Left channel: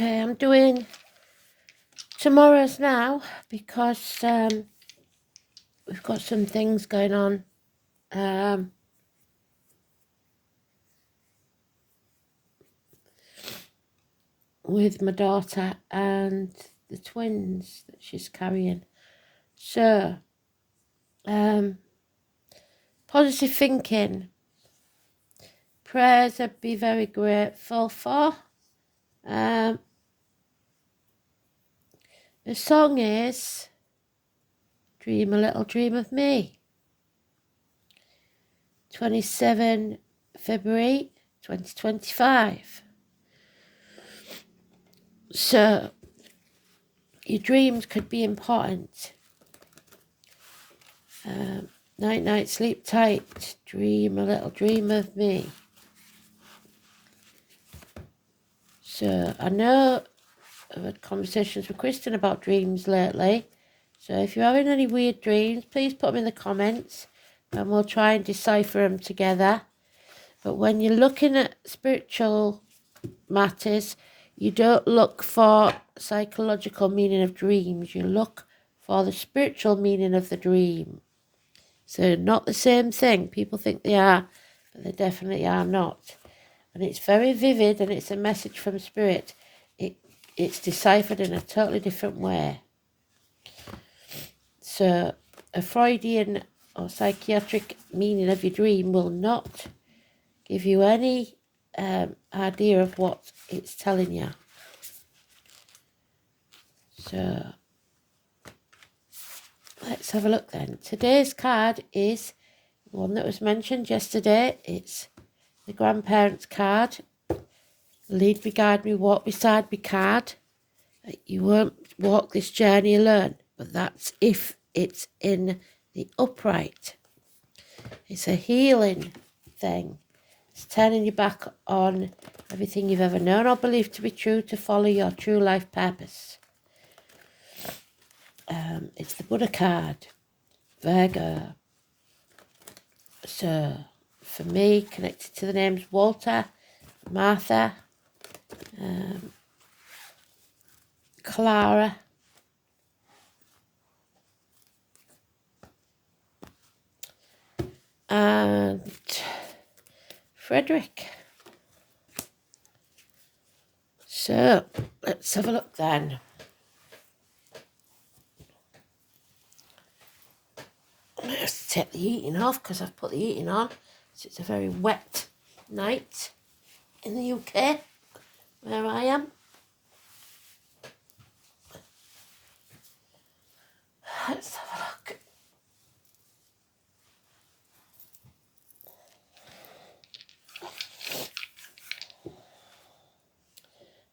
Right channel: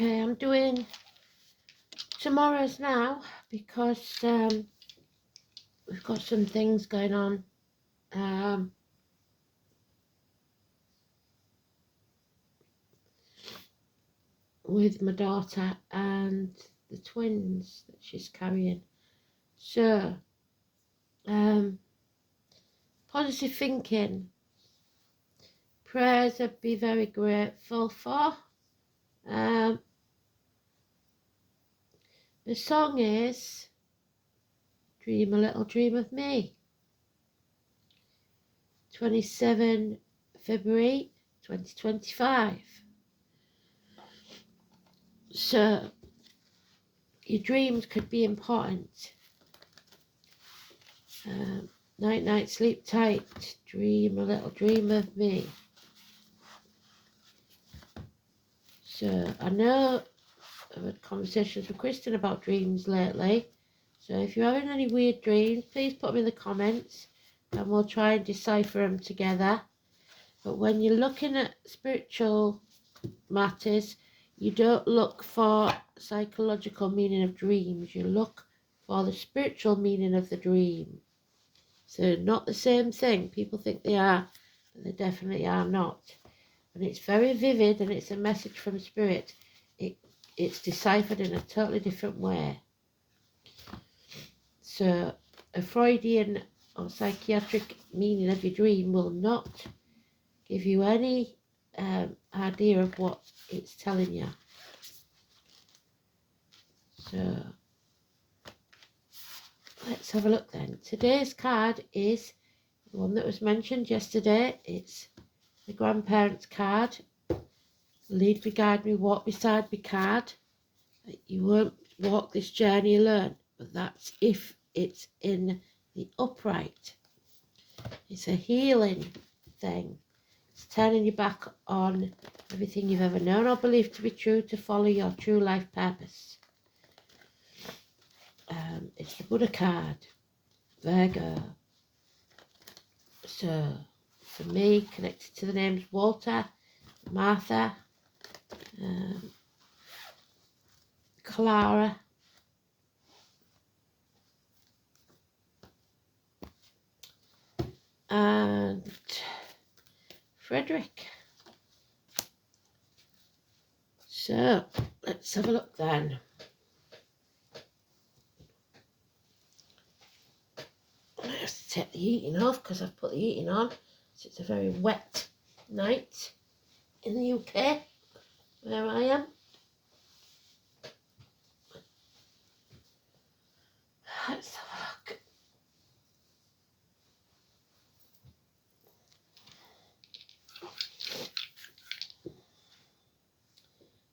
Okay, I'm doing tomorrow's now because we've got some things going on with my daughter and the twins that she's carrying. So, positive thinking, prayers I'd be very grateful for. The song is Dream a Little Dream of Me. 27 February 2025. So, your dreams could be important. Night, night, sleep tight. Dream a little dream of me. So, I know I've had conversations with Kristen about dreams lately. So, if you're having any weird dreams, please put them in the comments and we'll try and decipher them together. But when you're looking at spiritual matters, you don't look for psychological meaning of dreams. You look for the spiritual meaning of the dream. So not the same thing. People think they are, but they definitely are not. And it's very vivid and it's a message from spirit. It's deciphered in a totally different way. So a Freudian or psychiatric meaning of your dream will not give you any idea of what it's telling you. So let's have a look then. Today's card is the one that was mentioned yesterday. It's the grandparents card. Lead me, guide me, walk beside me card. You won't walk this journey alone, but that's if it's in the upright. It's a healing thing. It's turning you back on everything you've ever known or believed to be true to follow your true life purpose. It's the Buddha card, Virgo. So, for me, connected to the names Walter, Martha, Clara, and Frederick. So, let's have a look then. I have to take the heating off because I've put the heating on. So it's a very wet night in the UK where I am. Let's have a look.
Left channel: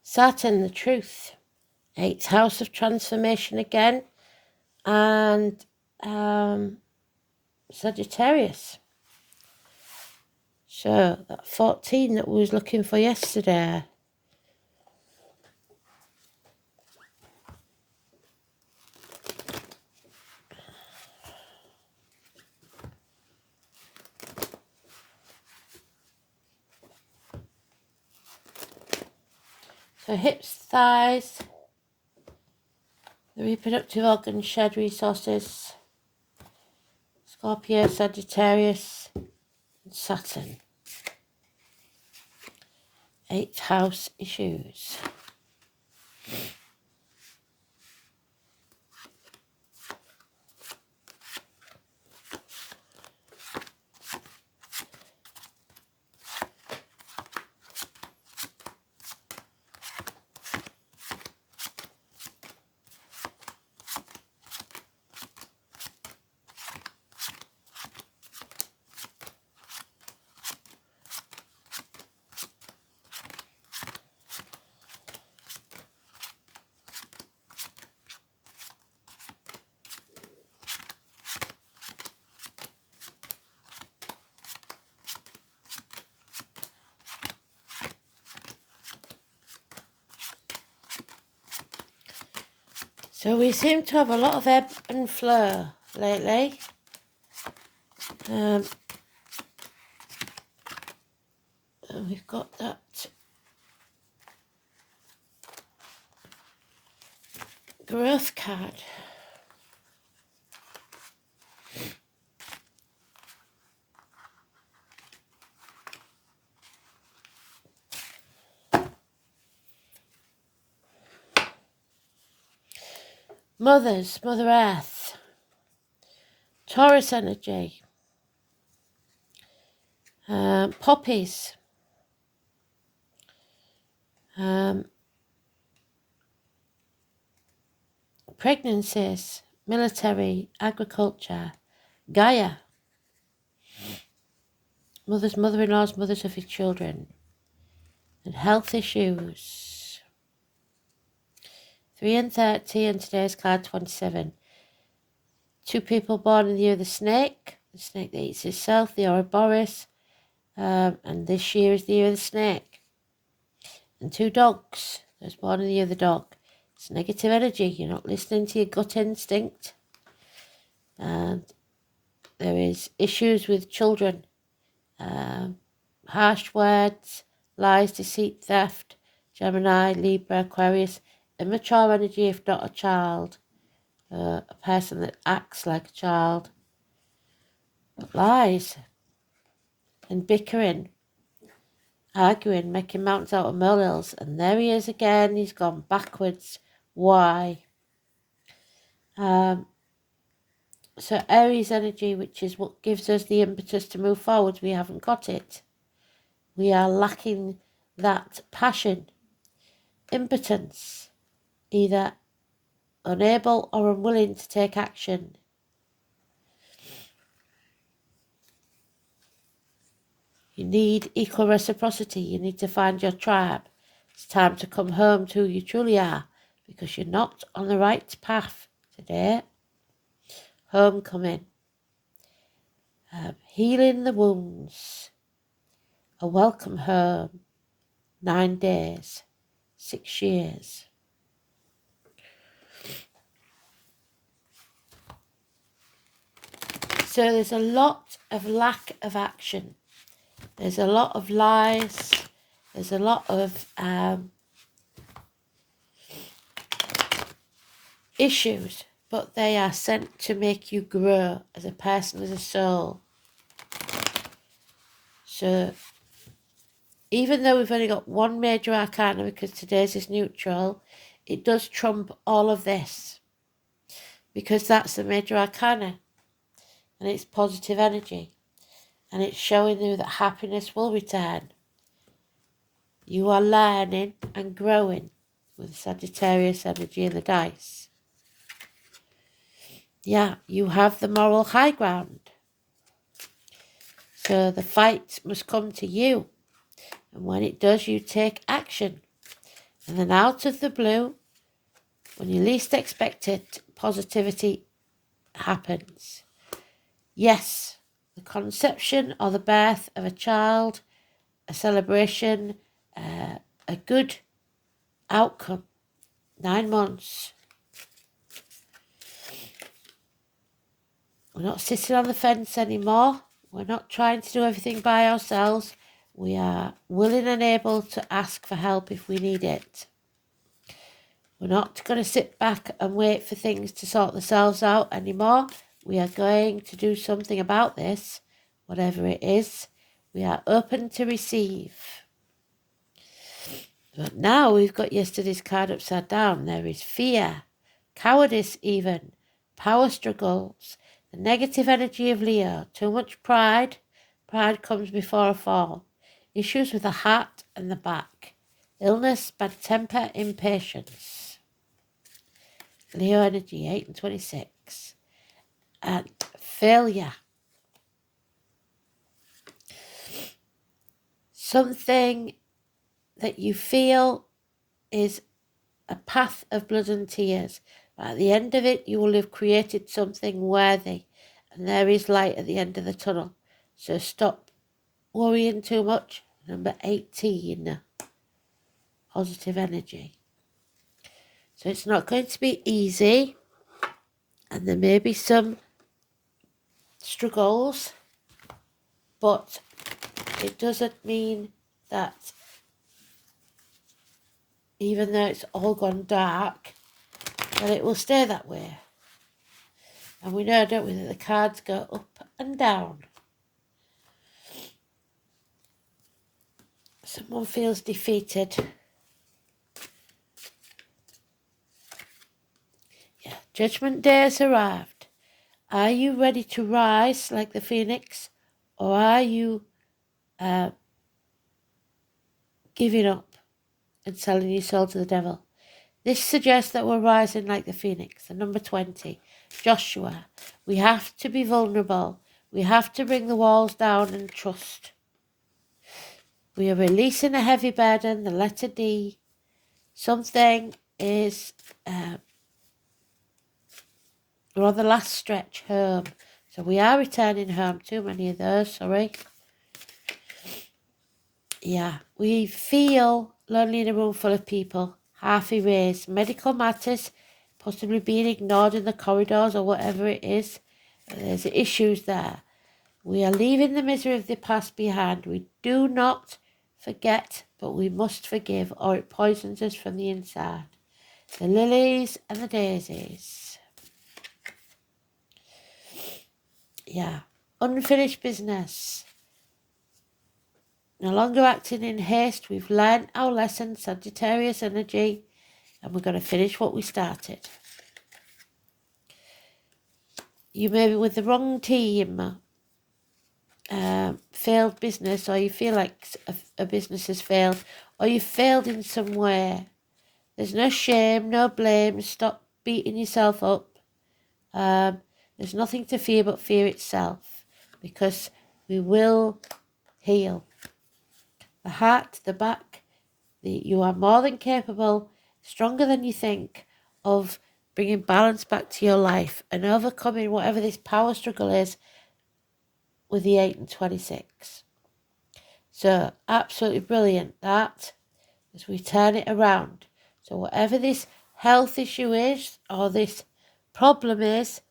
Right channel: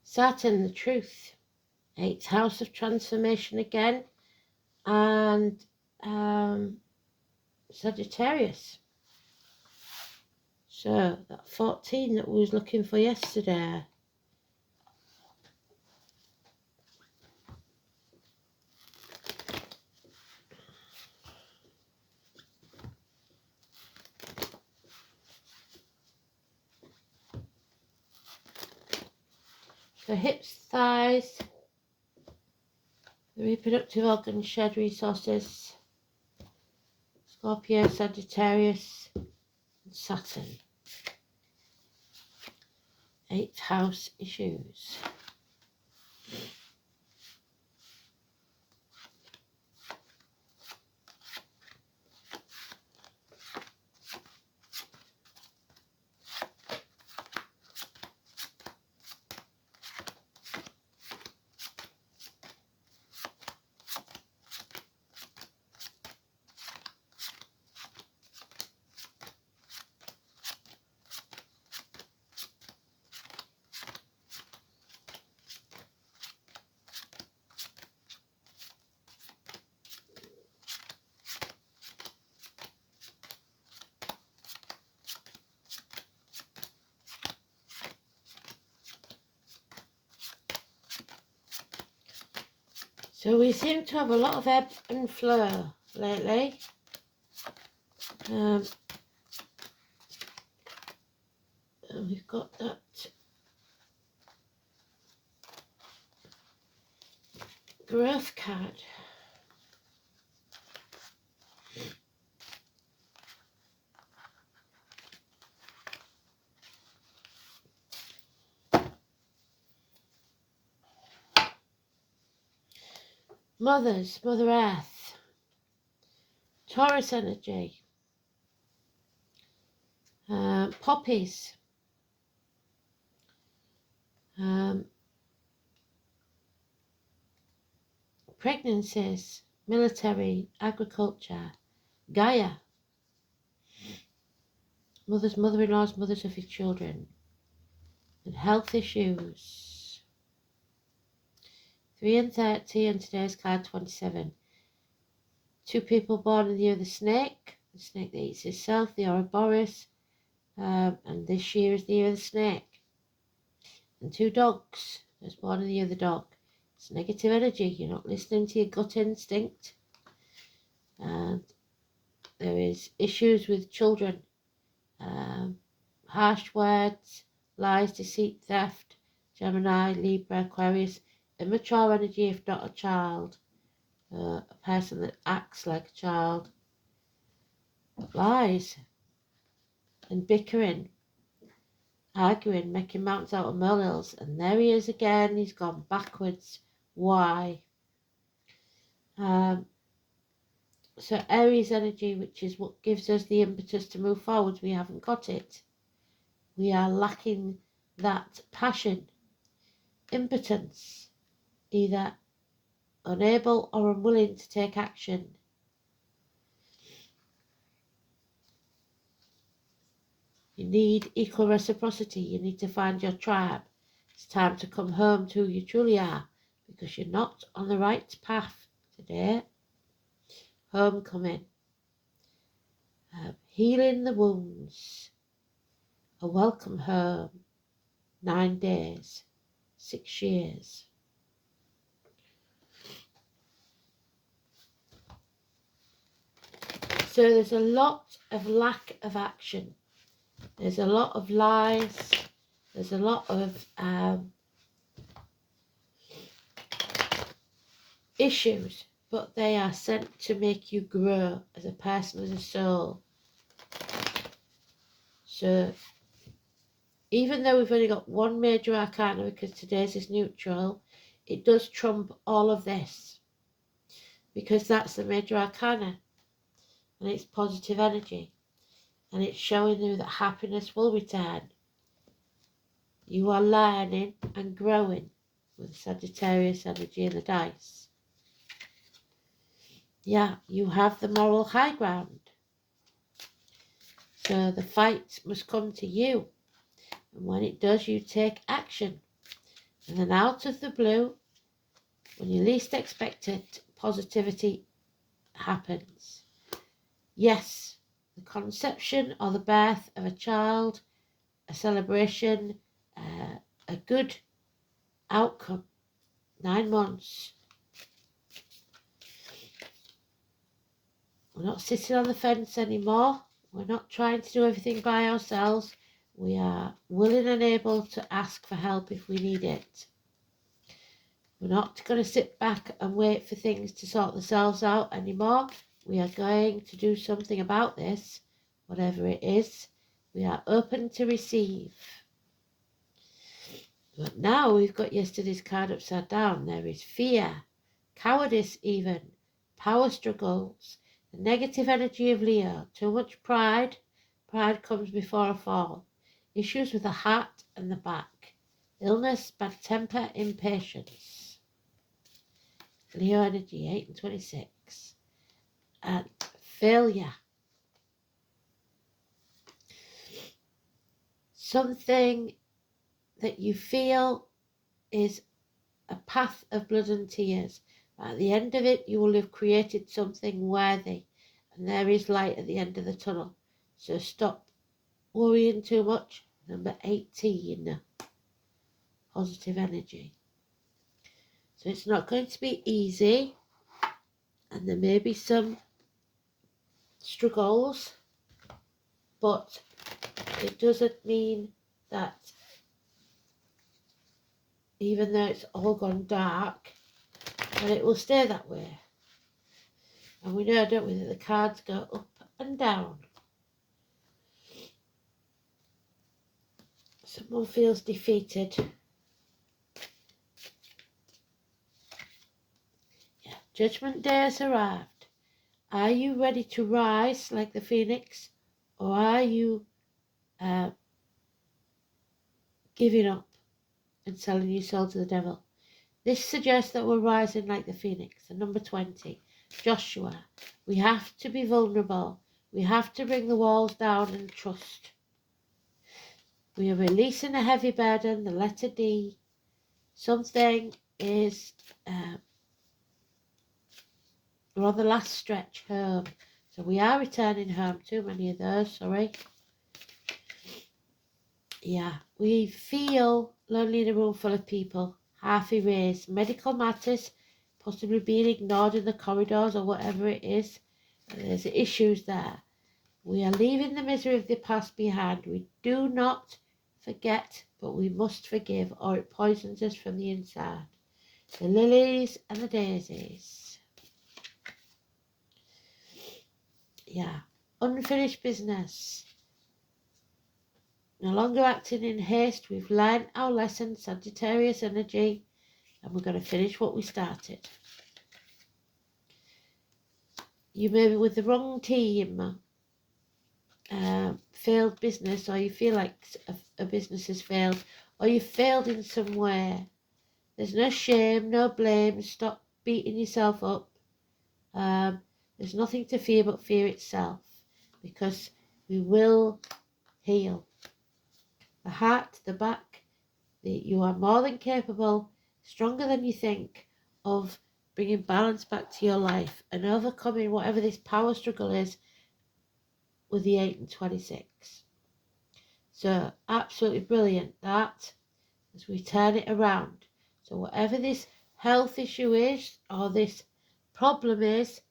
Saturn, the truth. 8th house of transformation again. And Sagittarius. So that 14 that we was looking for yesterday. So hips, thighs, the reproductive organs, shared resources, Scorpio, Sagittarius, and Saturn. 8th house issues. So we seem to have a lot of ebb and flow lately. And we've got that growth card. Mother Earth, Taurus energy, poppies, pregnancies, military, agriculture, Gaia, mother-in-laws, mothers of his children, and health issues. 3 and 30, and today's card 27. 2 people born in the year of the snake that eats itself, the Ouroboros, and this year is the year of the snake. And 2 dogs, that's born in the year of the dog. It's negative energy, you're not listening to your gut instinct. And there is issues with children, harsh words, lies, deceit, theft, Gemini, Libra, Aquarius, immature energy if not a child, a person that acts like a child, lies and bickering, arguing, making mountains out of molehills. And there he is again, he's gone backwards. Why? So Aries energy, which is what gives us the impetus to move forward, we haven't got it. We are lacking that passion, impotence, either unable or unwilling to take action. You need equal reciprocity. You need to find your tribe. It's time to come home to who you truly are, because you're not on the right path today. Homecoming. Healing the wounds. A welcome home. 9 days. 6 years. So there's a lot of lack of action. There's a lot of lies. There's a lot of issues, but they are sent to make you grow as a person, as a soul. So even though we've only got 1 major arcana, because today's is neutral, it does trump all of this, because that's the major arcana, and it's positive energy, and it's showing you that happiness will return. You are learning and growing with Sagittarius energy in the dice. Yeah, you have the moral high ground. So the fight must come to you. And when it does, you take action. And then out of the blue, when you least expect it, positivity happens. Yes, the conception or the birth of a child, a celebration, a good outcome. 9 months. We're not sitting on the fence anymore. We're not trying to do everything by ourselves. We are willing and able to ask for help if we need it. We're not going to sit back and wait for things to sort themselves out anymore. We are going to do something about this, whatever it is. We are open to receive. But now we've got yesterday's card upside down. There is fear, cowardice even, power struggles, the negative energy of Leo, too much pride. Pride comes before a fall. Issues with the heart and the back. Illness, bad temper, impatience. Leo energy, 8 and 26. And failure. Something that you feel is a path of blood and tears. But at the end of it, you will have created something worthy. And there is light at the end of the tunnel. So stop worrying too much. Number 18. Positive energy. So it's not going to be easy. And there may be some struggles. But it doesn't mean that even though it's all gone dark, and it will stay that way. And we know, don't we, that the cards go up and down. Someone feels defeated. Yeah, Judgment Day has arrived. Are you ready to rise like the phoenix, or are you giving up and selling your soul to the devil? This suggests that we're rising like the phoenix. And number 20, Joshua. We have to be vulnerable. We have to bring the walls down and trust. We are releasing a heavy burden, the letter D. Something is, we're on the last stretch home. So we are returning home. Too many of those, sorry. Yeah, we feel lonely in a room full of people, half erased, medical matters, possibly being ignored in the corridors or whatever it is. There's issues there. We are leaving the misery of the past behind. We do not forget, but we must forgive, or it poisons us from the inside. The lilies and the daisies. Yeah, unfinished business. No longer acting in haste. We've learned our lesson, Sagittarius energy, and we're going to finish what we started. You may be with the wrong team, failed business, or you feel like a business has failed, or you failed in some way. There's no shame, no blame. Stop beating yourself up. There's nothing to fear but fear itself, because we will heal. The heart, the back, you are more than capable, stronger than you think, of bringing balance back to your life and overcoming whatever this power struggle is with the 8 and 26. So absolutely brilliant that, as we turn it around. So whatever this health issue is, or this problem is,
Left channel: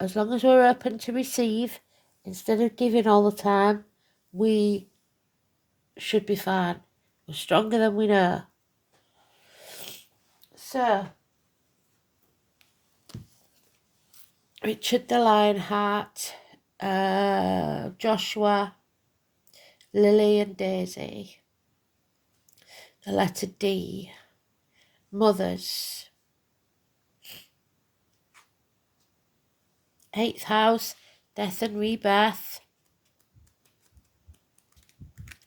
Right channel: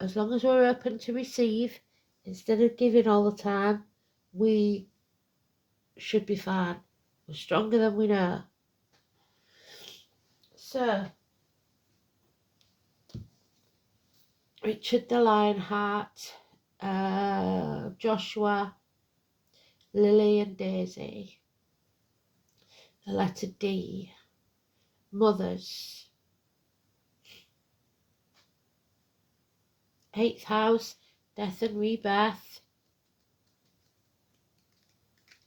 as long as we're open to receive instead of giving all the time, we should be fine. We're stronger than we know. So, Richard the Lionheart, Joshua, Lily and Daisy, the letter D, mothers, 8th house, death and rebirth,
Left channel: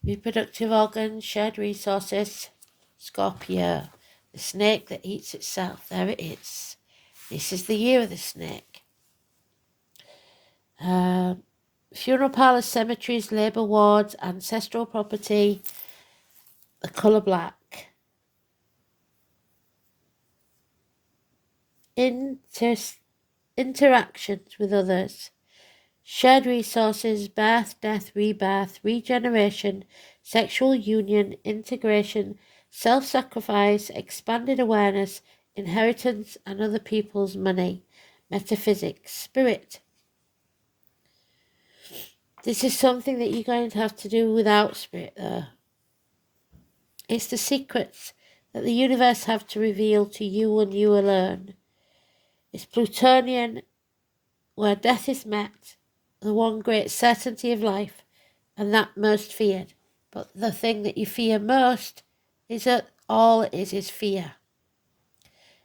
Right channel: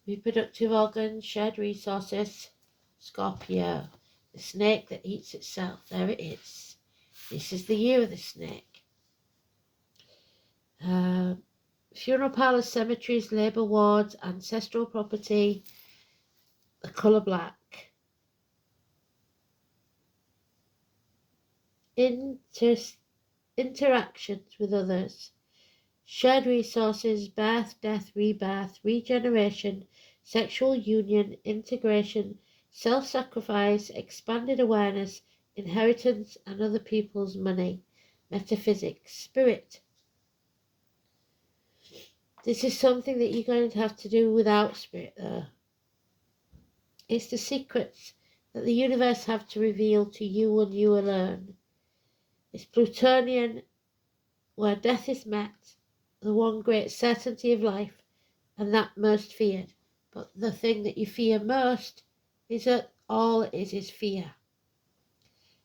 reproductive organs, shared resources, Scorpio, the snake that eats itself. There it is. This is the year of the snake. Funeral parlours, cemeteries, labour wards, ancestral property, the colour black. Interactions with others, shared resources, birth, death, rebirth, regeneration, sexual union, integration, self-sacrifice, expanded awareness, inheritance and other people's money, metaphysics, spirit. This is something that you're going to have to do without spirit, though. It's the secrets that the universe have to reveal to you and you alone. It's Plutonian, where death is met, the one great certainty of life, and that most feared. But the thing that you fear most is that all it is fear.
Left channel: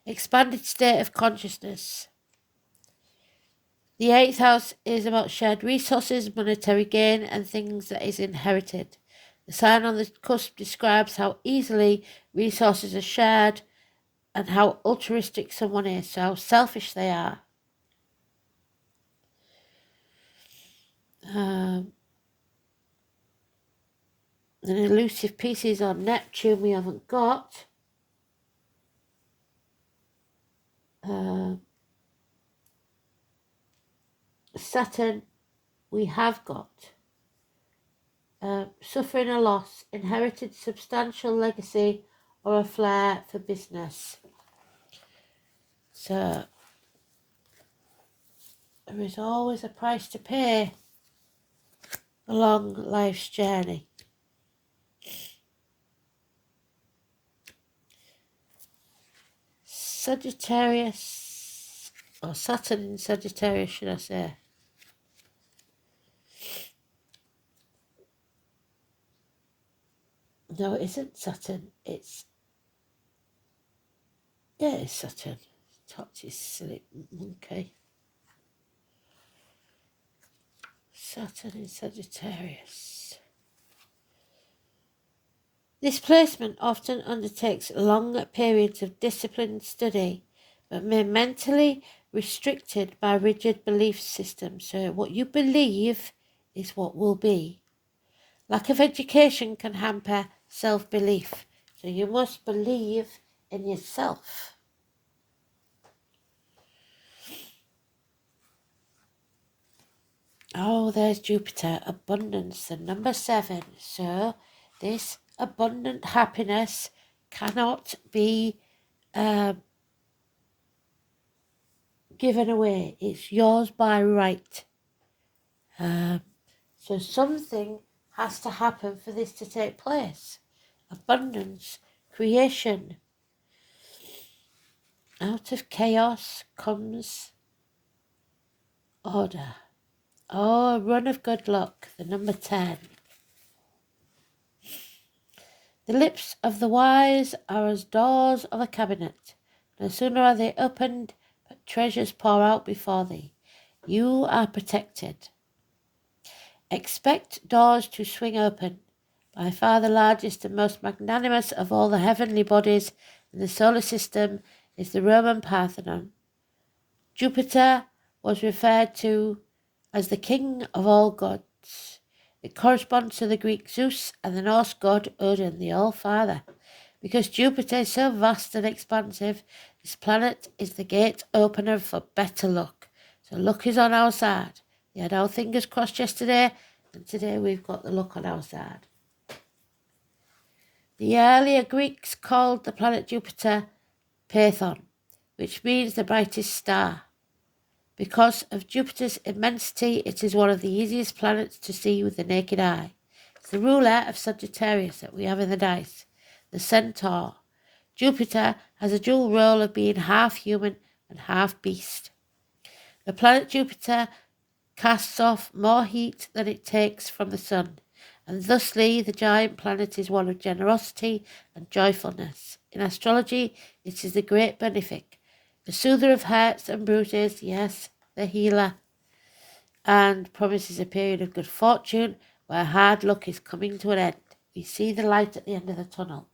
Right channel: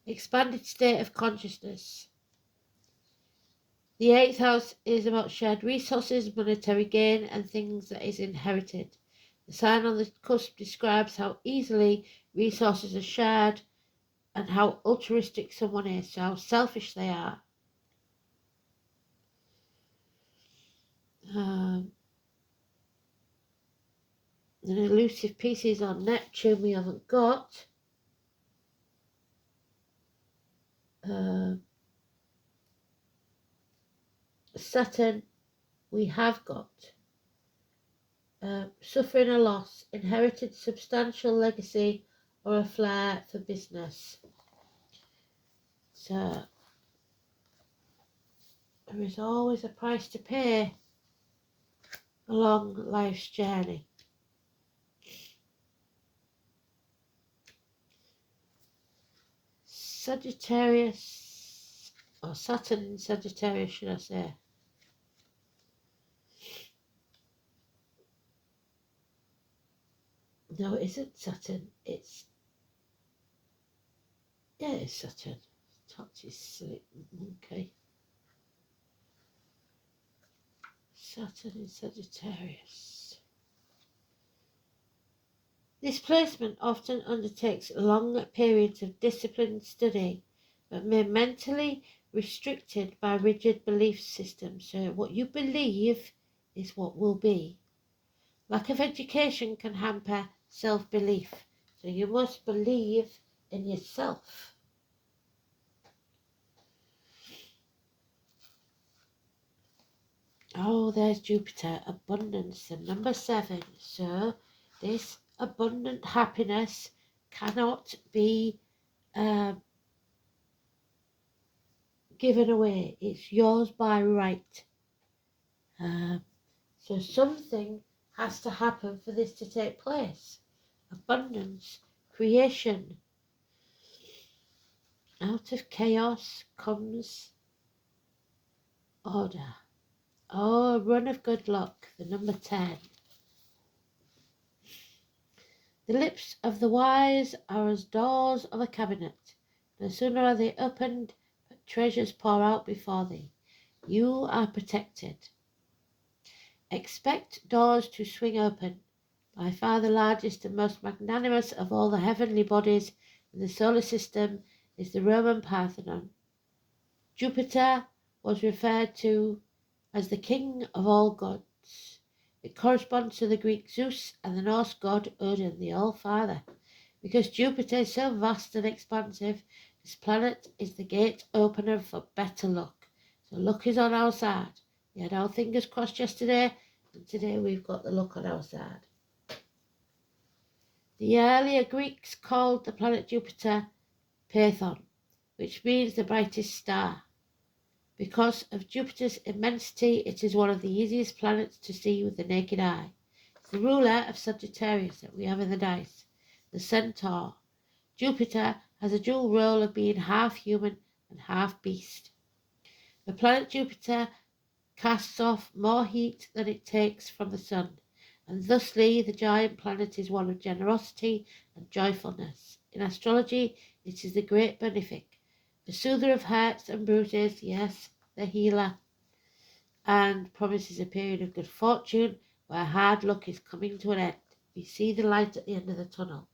Expanded state of consciousness. The 8th house is about shared resources, monetary gain, and things that is inherited. The sign on the cusp describes how easily resources are shared and how altruistic someone is, so how selfish they are. An elusive pieces on Neptune we haven't got. Saturn we have got. Suffering a loss, inherited substantial legacy, or a flair for business. So there is always a price to pay along life's journey. Sagittarius, or Saturn in Sagittarius, should I say. No, it isn't Saturn. It's Saturn. Touch is silly monkey. Saturn in Sagittarius. This placement often undertakes long periods of disciplined study, but may mentally restricted by rigid belief systems. So what you believe is what will be. Lack of education can hamper self-belief. So you must believe in yourself. Oh, there's Jupiter, abundance, the number 7. So this abundant happiness cannot be given away. It's yours by right. So something has to happen for this to take place. Abundance, creation. Out of chaos comes order. Oh, a run of good luck, the number 10. The lips of the wise are as doors of a cabinet. No sooner are they opened, but treasures pour out before thee. You are protected. Expect doors to swing open. By far the largest and most magnanimous of all the heavenly bodies in the solar system is the Roman Parthenon. Jupiter was referred to as the king of all gods. It corresponds to the Greek Zeus and the Norse god Odin, the All-Father. Because Jupiter is so vast and expansive, this planet is the gate opener for better luck. So luck is on our side. We had our fingers crossed yesterday, and today we've got the luck on our side. The earlier Greeks called the planet Jupiter Python, which means the brightest star. Because of Jupiter's immensity, it is one of the easiest planets to see with the naked eye. It's the ruler of Sagittarius that we have in the dice, the Centaur. Jupiter has a dual role of being half human and half beast. The planet Jupiter casts off more heat than it takes from the sun, and thusly the giant planet is one of generosity and joyfulness. In astrology, it is the great benefic, the soother of hurts and bruises, yes, the healer, and promises a period of good fortune where hard luck is coming to an end. We see the light at the end of the tunnel.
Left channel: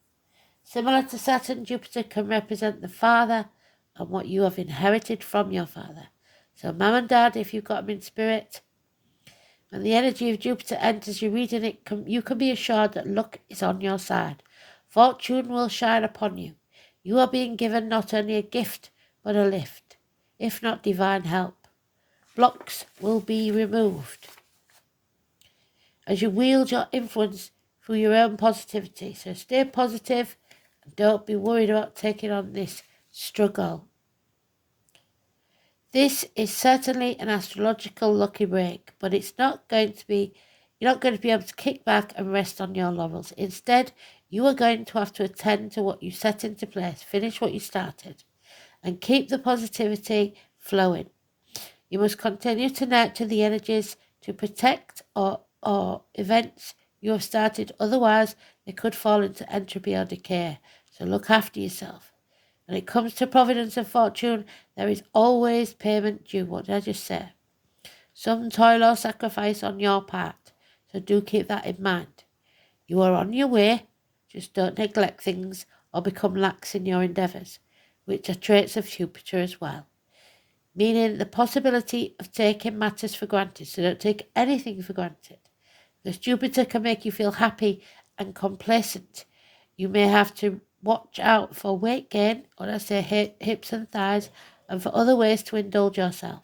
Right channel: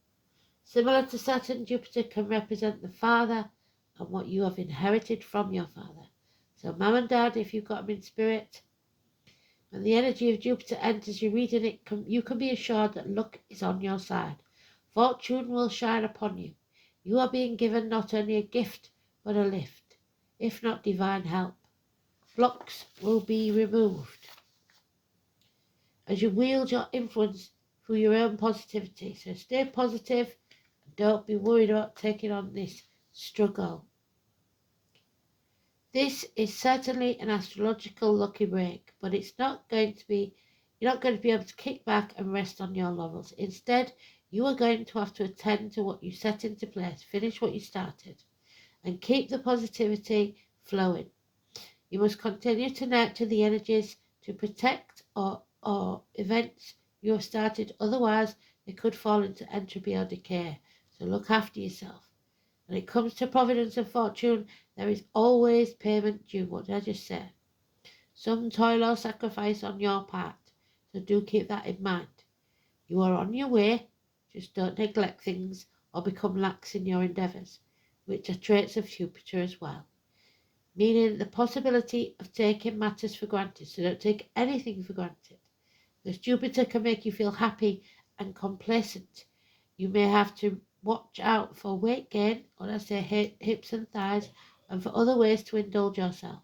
Similar to Saturn, Jupiter can represent the father and what you have inherited from your father. So mum and dad, if you've got them in spirit, when the energy of Jupiter enters your reading, you can be assured that luck is on your side. Fortune will shine upon you. You are being given not only a gift, but a lift, if not divine help. Blocks will be removed as you wield your influence through your own positivity. So stay positive and don't be worried about taking on this struggle. This is certainly an astrological lucky break, but you're not going to be able to kick back and rest on your laurels. Instead, you are going to have to attend to what you set into place, finish what you started, and keep the positivity flowing. You must continue to nurture the energies to protect or events you have started, otherwise they could fall into entropy or decay. So look after yourself. When it comes to providence and fortune, there is always payment due. What did I just say? Some toil or sacrifice on your part, so do keep that in mind. You are on your way, just don't neglect things or become lax in your endeavours, which are traits of Jupiter as well. Meaning the possibility of taking matters for granted, so don't take anything for granted. Because Jupiter can make you feel happy and complacent. You may have to watch out for weight gain, or I say hips and thighs, and for other ways to indulge yourself.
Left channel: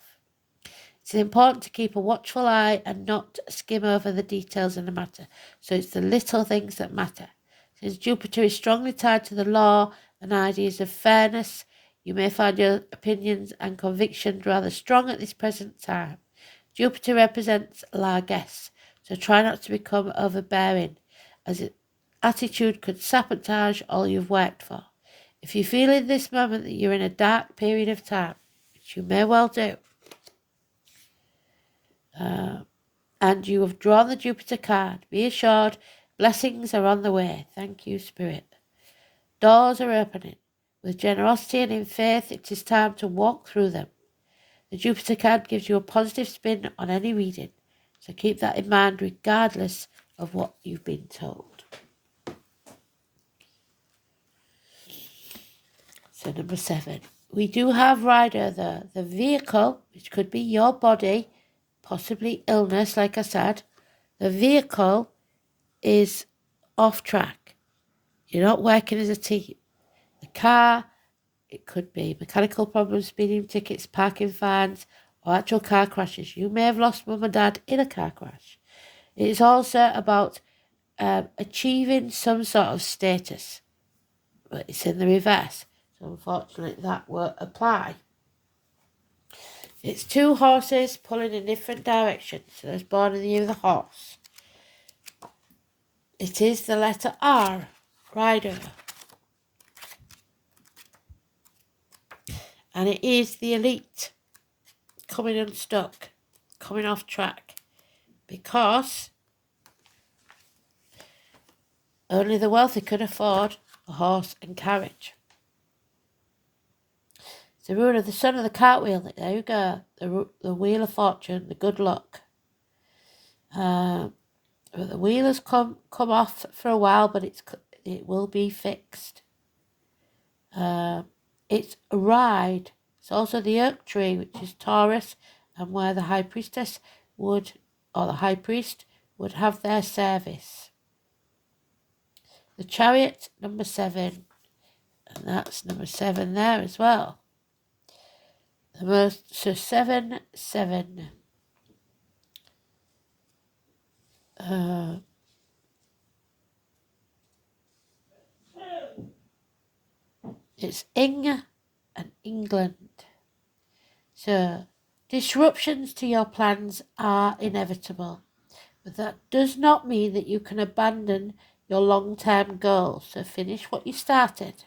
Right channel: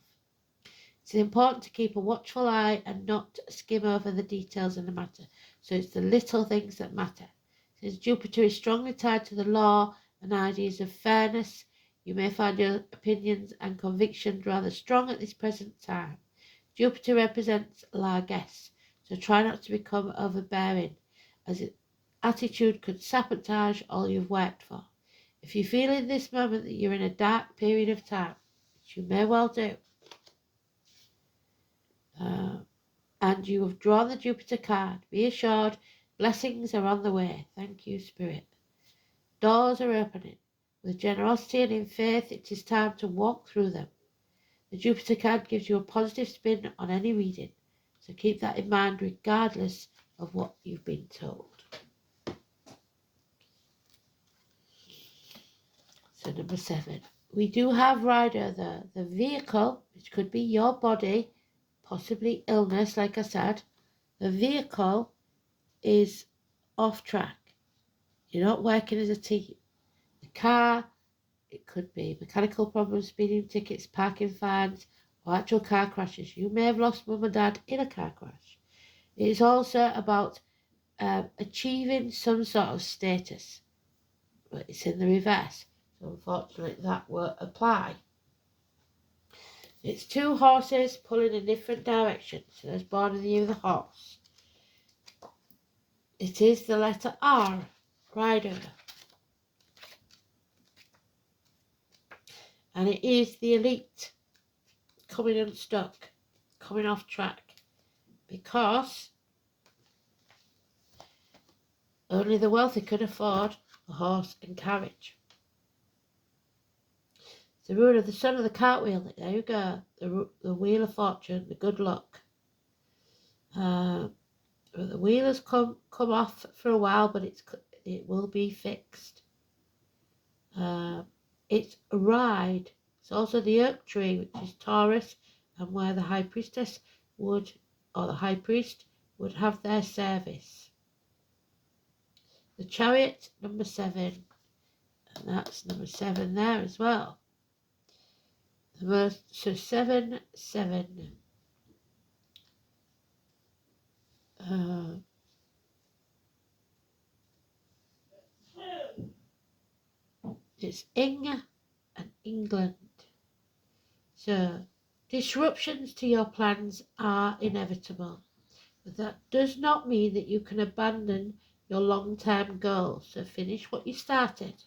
It's important to keep a watchful eye and not skim over the details in the matter. So it's the little things that matter. Since Jupiter is strongly tied to the law and ideas of fairness, you may find your opinions and convictions rather strong at this present time. Jupiter represents largesse, so try not to become overbearing, as its attitude could sabotage all you've worked for. If you feel in this moment that you're in a dark period of time, which you may well do, and you have drawn the Jupiter card, be assured blessings are on the way. Thank you, Spirit. Doors are opening. With generosity and in faith, it is time to walk through them. The Jupiter card gives you a positive spin on any reading, so keep that in mind regardless of what you've been told. So number 7. We do have rider the vehicle, which could be your body, possibly illness, like I said. The vehicle is off track. You're not working as a team. The car, it could be mechanical problems, speeding tickets, parking fines, or actual car crashes. You may have lost mum and dad in a car crash. It is also about achieving some sort of status, but it's in the reverse. So unfortunately that won't apply. It's 2 horses pulling in different directions. So there's born in the year of the horse. It is the letter R, rider. And it is the elite coming unstuck, coming off track. Because only the wealthy can afford a horse and carriage. It's the rule of the son of the cartwheel. There you go. The wheel of fortune, the good luck. The wheel has come off for a while, but it will be fixed. It's a ride. It's also the oak tree, which is Taurus, and where the high priestess would, or the high priest would have their service. The chariot, number 7, and that's number 7 there as well. So 7, 7. It's Ing and England. So disruptions to your plans are inevitable, but that does not mean that you can abandon your long-term goals. So finish what you started.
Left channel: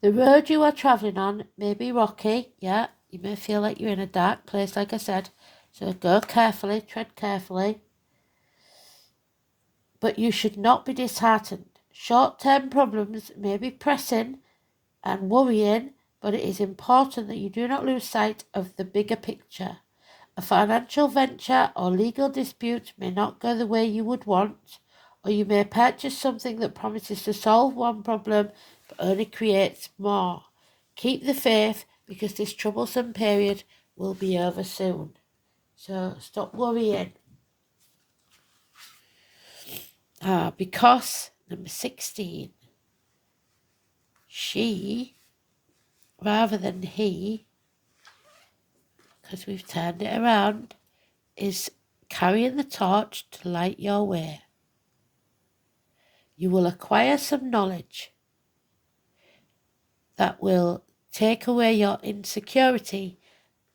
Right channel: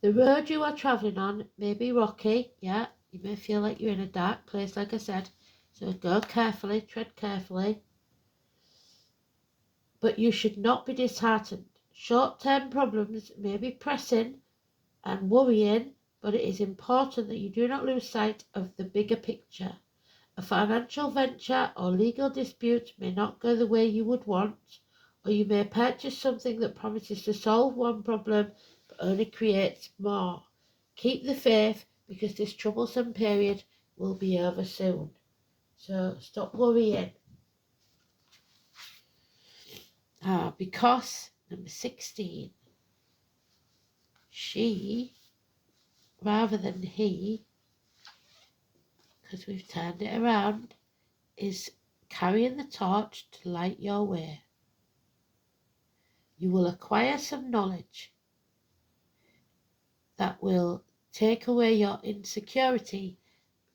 The road you are travelling on may be rocky. Yeah, you may feel like you're in a dark place, like I said. So go carefully, tread carefully. But you should not be disheartened. Short-term problems may be pressing and worrying, but it is important that you do not lose sight of the bigger picture. A financial venture or legal dispute may not go the way you would want, or you may purchase something that promises to solve one problem but only creates more. Keep the faith, because this troublesome period will be over soon. So stop worrying. Because, number 16, she, rather than he, because we've turned it around, is carrying the torch to light your way. You will acquire some knowledge that will take away your insecurity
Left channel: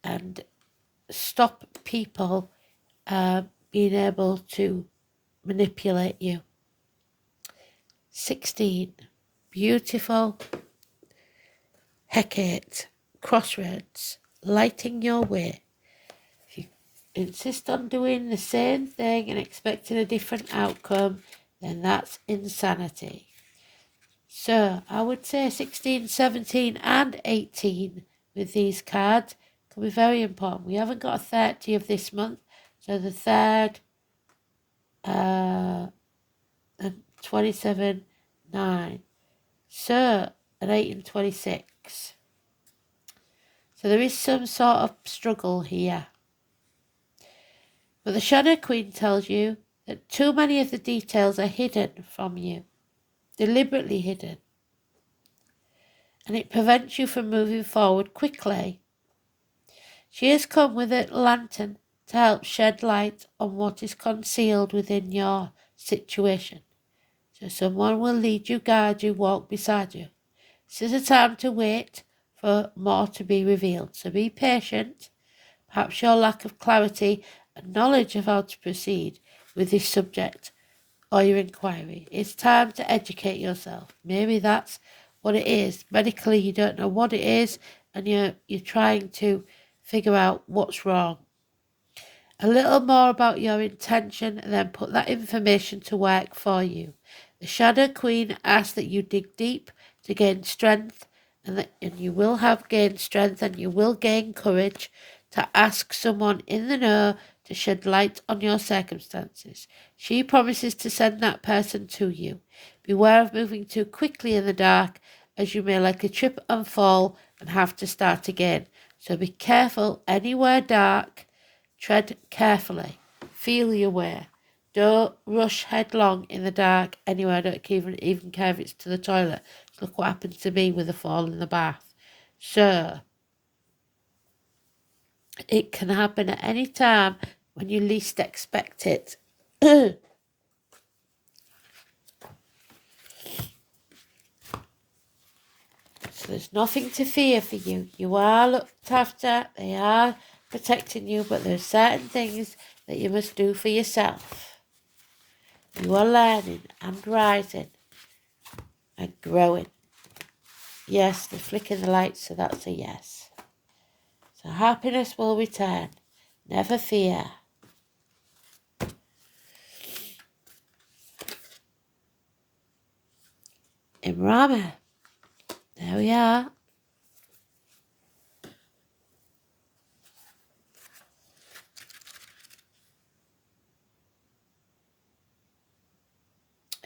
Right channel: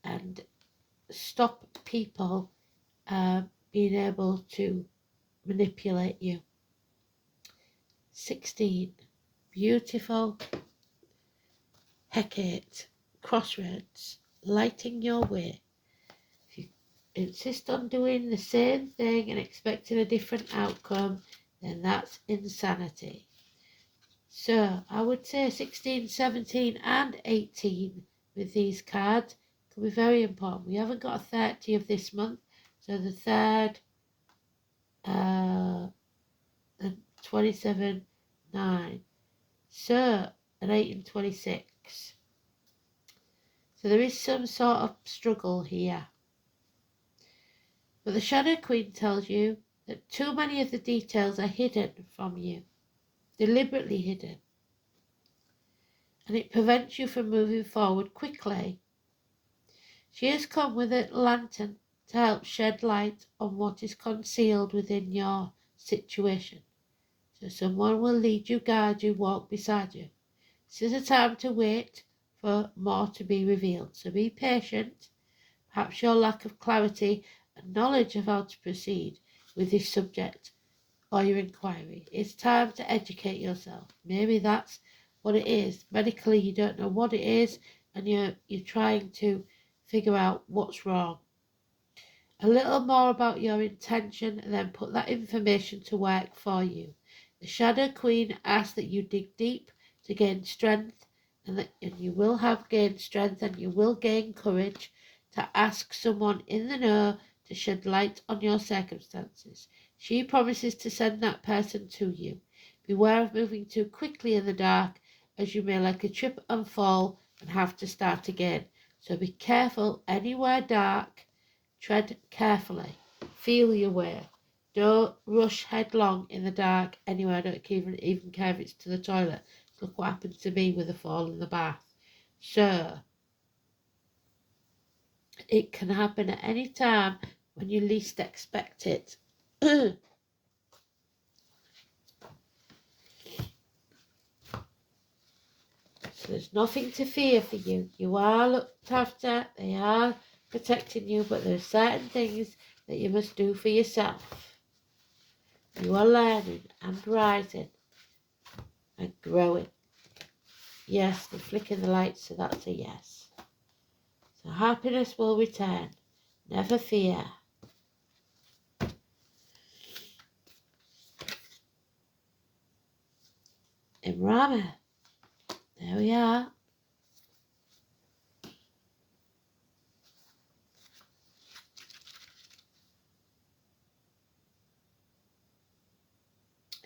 and stop people being able to manipulate you. 16, beautiful Hecate, crossroads, lighting your way. If you insist on doing the same thing and expecting a different outcome, then that's insanity. So I would say 16, 17 and 18 with these cards can be very important. We haven't got a 30 of this month, so the 3rd and 27, 9. So an 8 and 26. So there is some sort of struggle here. But the Shadow Queen tells you that too many of the details are hidden from you, deliberately hidden. And it prevents you from moving forward quickly. She has come with a lantern to help shed light on what is concealed within your situation. So someone will lead you, guide you, walk beside you. This is a time to wait for more to be revealed. So be patient. Perhaps your lack of clarity and knowledge of how to proceed with this subject or your inquiry. It's time to educate yourself. Maybe that's what it is. Medically, you don't know what it is, and you're trying to figure out what's wrong. A little more about your intention, and then put that information to work for you. The Shadow Queen asks that you dig deep to gain strength, and you will have gained strength, and you will gain courage to ask someone in the know to shed light on your circumstances. She promises to send that person to you. Beware of moving too quickly in the dark, as you may likely trip and fall and have to start again. So be careful anywhere dark. Tread carefully. Feel your way. Don't rush headlong in the dark anywhere. I don't even care if it's to the toilet. Look what happened to me with a fall in the bath. So, it can happen at any time when you least expect it. So there's nothing to fear for you. You are looked after. They are protecting you, but there's certain things that you must do for yourself. You are learning and rising and growing. Yes, they're flicking the lights, so that's a yes. So happiness will return. Never fear. Imrama. There we are.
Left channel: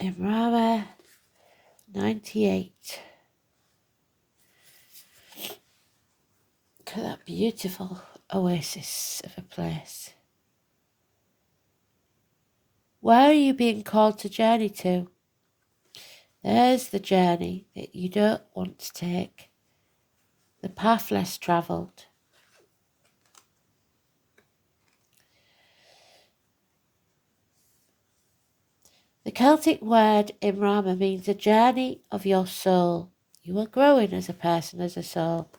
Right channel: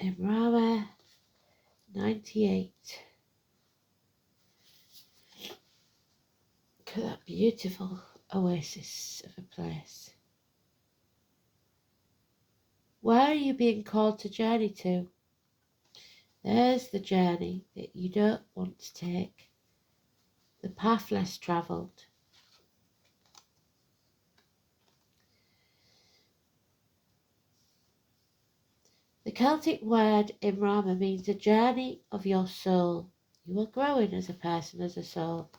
Imrama 98. Look at that beautiful oasis of a place. Where are you being called to journey to? There's the journey that you don't want to take. The path less travelled. The Celtic word Imrama means a journey of your soul. You are growing as a person, as a soul.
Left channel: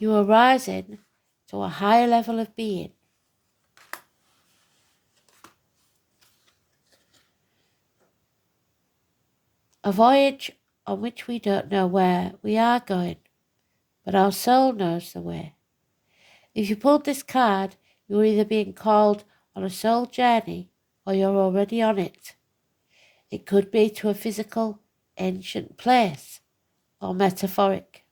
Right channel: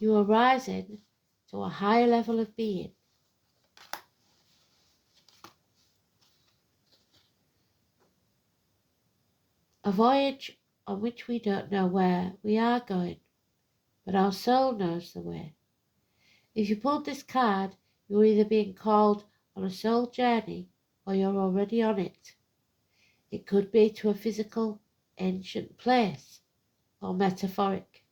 You are rising to a higher level of being. A voyage on which we don't know where we are going, but our soul knows the way. If you pulled this card, you're either being called on a soul journey or you're already on it. It could be to a physical, ancient place or metaphoric.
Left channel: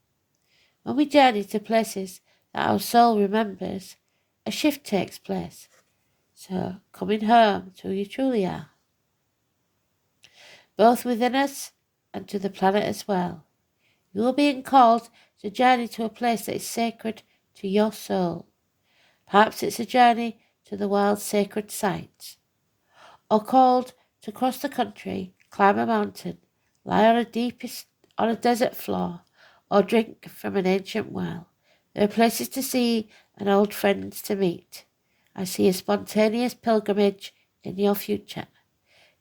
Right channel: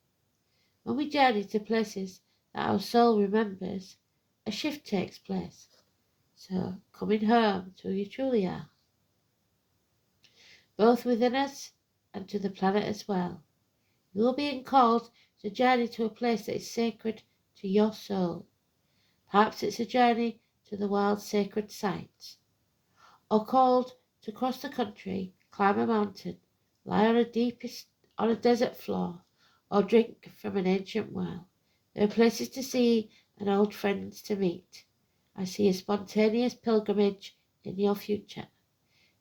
When we journey to places that our soul remembers, a shift takes place. So, coming home to who you truly are, both within us and to the planet as well. You are being called to journey to a place that is sacred to your soul. Perhaps it's a journey to the world's sacred sites, or called to cross the country, climb a mountain, lie on a desert floor, or drink from an ancient well. There are places to see and old friends to meet. I see a spontaneous pilgrimage in your future.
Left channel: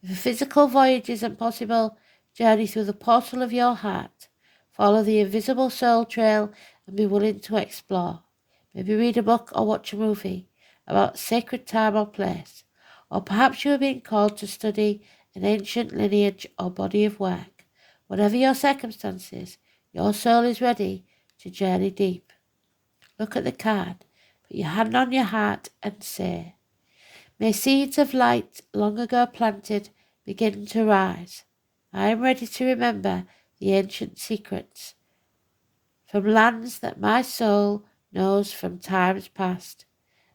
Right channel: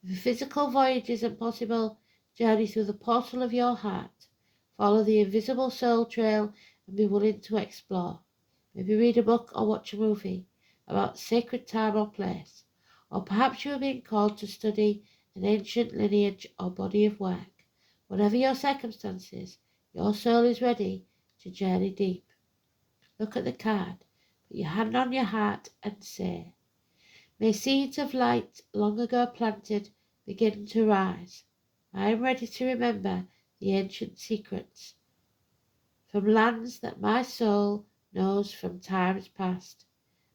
If a physical voyage isn't possible, journey through the portal of your heart. Follow the invisible soul trail and be willing to explore. Maybe read a book or watch a movie about sacred time or place. Or perhaps you are being called to study an ancient lineage or body of work. Whatever your circumstances, your soul is ready to journey deep. Look at the card, put your hand on your heart and say, may seeds of light long ago planted begin to rise. I am ready to remember the ancient secrets from lands that my soul knows from times past.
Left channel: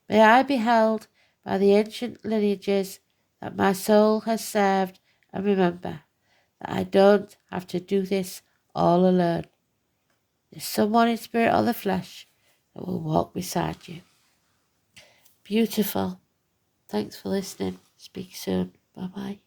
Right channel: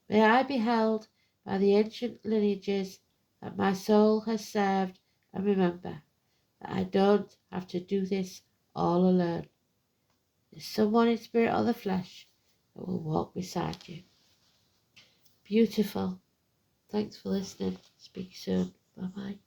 May I be held by the ancient lineages that my soul has served, and remember that I don't have to do this all alone. There's someone in spirit or the flesh that will walk beside you. Beautiful. Thanks for listening. Speak soon. Bye-bye.